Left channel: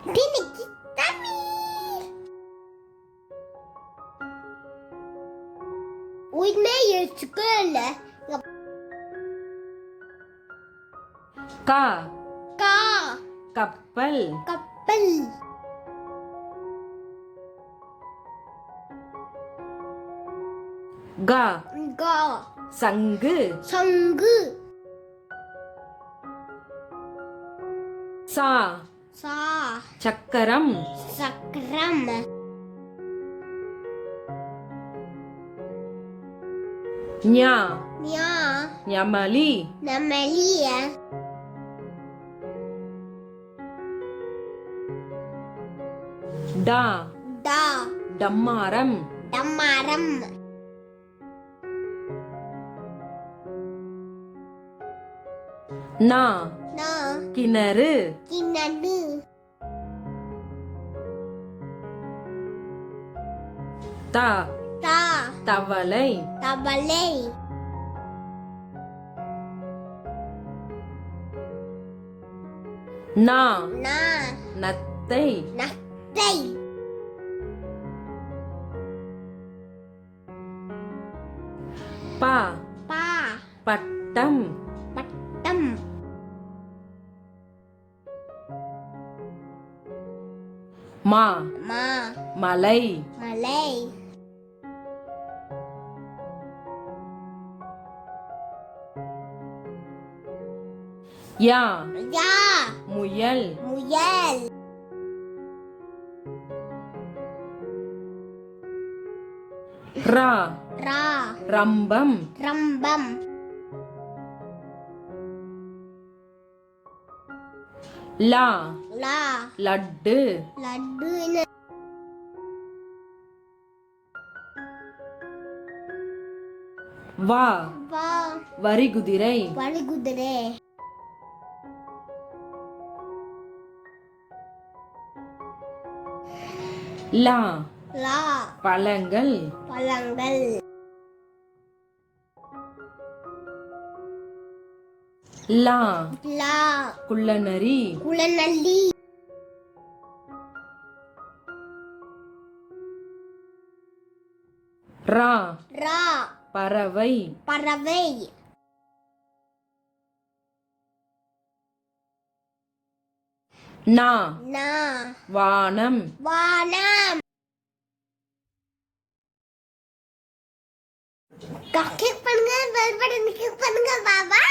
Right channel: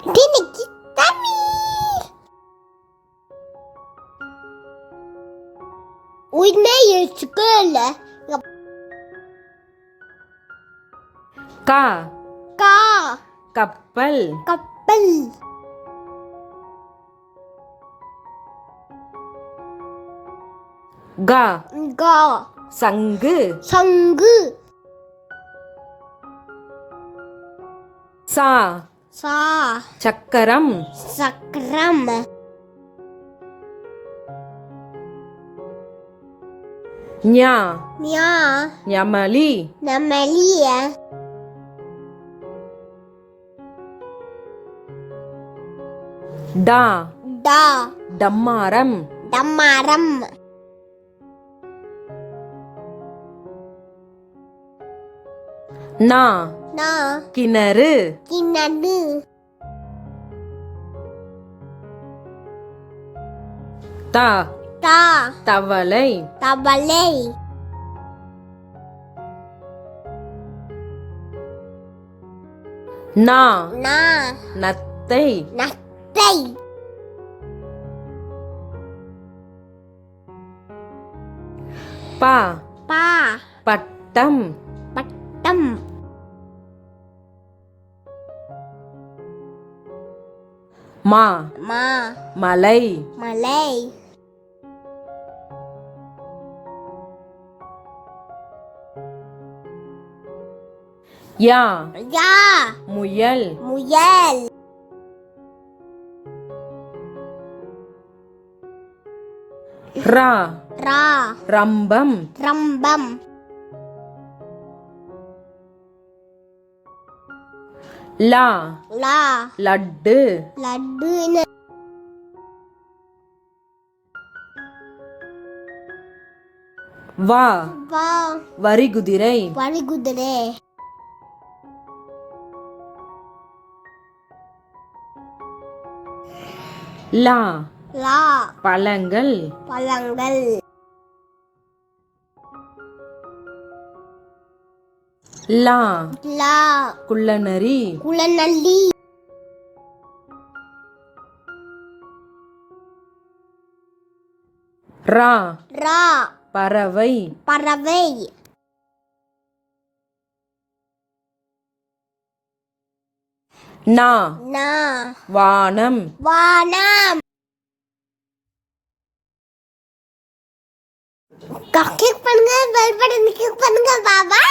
இன்னைக்கு தமிழ் உயிர்மெய் எழுத்துக்கள் கா கா கப்பல் கப்பல் கா கா சங்கு சங்கு சா சா சக்கரம் சக்கரம் ஞா ஞா ஞமலி நெமலிய டா டா டம்மாரம் டம்மாரம் நா நா கிணறு கிணறு தா தா தவளை தவளை நா நா நத்தை நத்தை பா பா பட்டம் பட்டம் மா மா மலை மலை யா யா முயல் முயல் ரா ரா ரம்பம் ரம்பம் லா லா லட்டு லட்டுன்னு வா வா வரிகுதிரை வழிகுதிரை லா லா பழங்கள் பழங்கள் லா லா குள்ளநரி குளநல்லி ரா ரா பறவை பறவை நா நா வானம் வானம் கிளிக் பண்ணுங்க பெல் பட்டன் கிளிக் பண்ணுங்க பாபா